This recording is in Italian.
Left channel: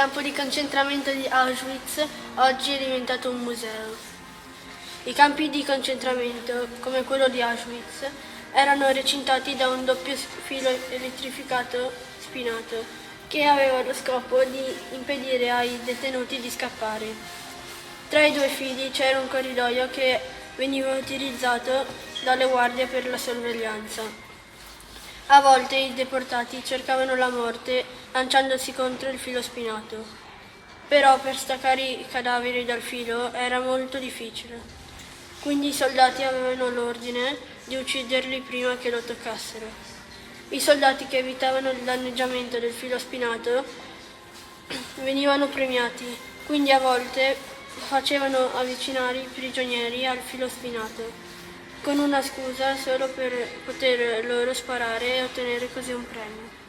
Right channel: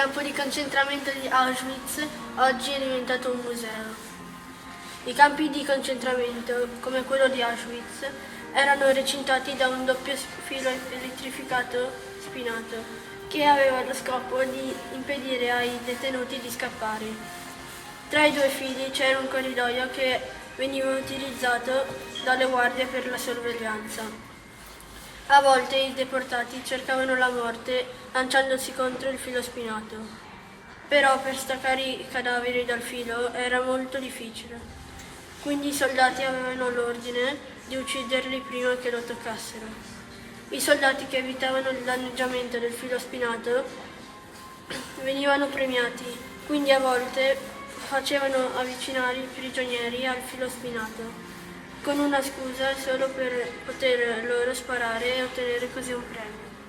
campo di concentramento di Auschwitz oggi è diventato un museo. I campi di concentramento, come quello di Auschwitz, erano recintati da un doppio filo elettrificato spinato che aveva lo scopo di impedire ai detenuti di scappare. Tra i due fili c'era un corridoio che veniva utilizzato dalle guardie per la sorveglianza. A volte i deportati cercavano la morte lanciandosi contro il filo spinato, però per staccare i cadaveri dal filo era molto difficile. Quindi i soldati avevano l'ordine di ucciderli prima che lo toccassero. I soldati che evitavano il danneggiamento del filo spinato venivano premiati, quindi a volte facevano avvicinare i prigionieri al filo spinato, con una scusa solo per poter loro sparare e ottenere così un premio.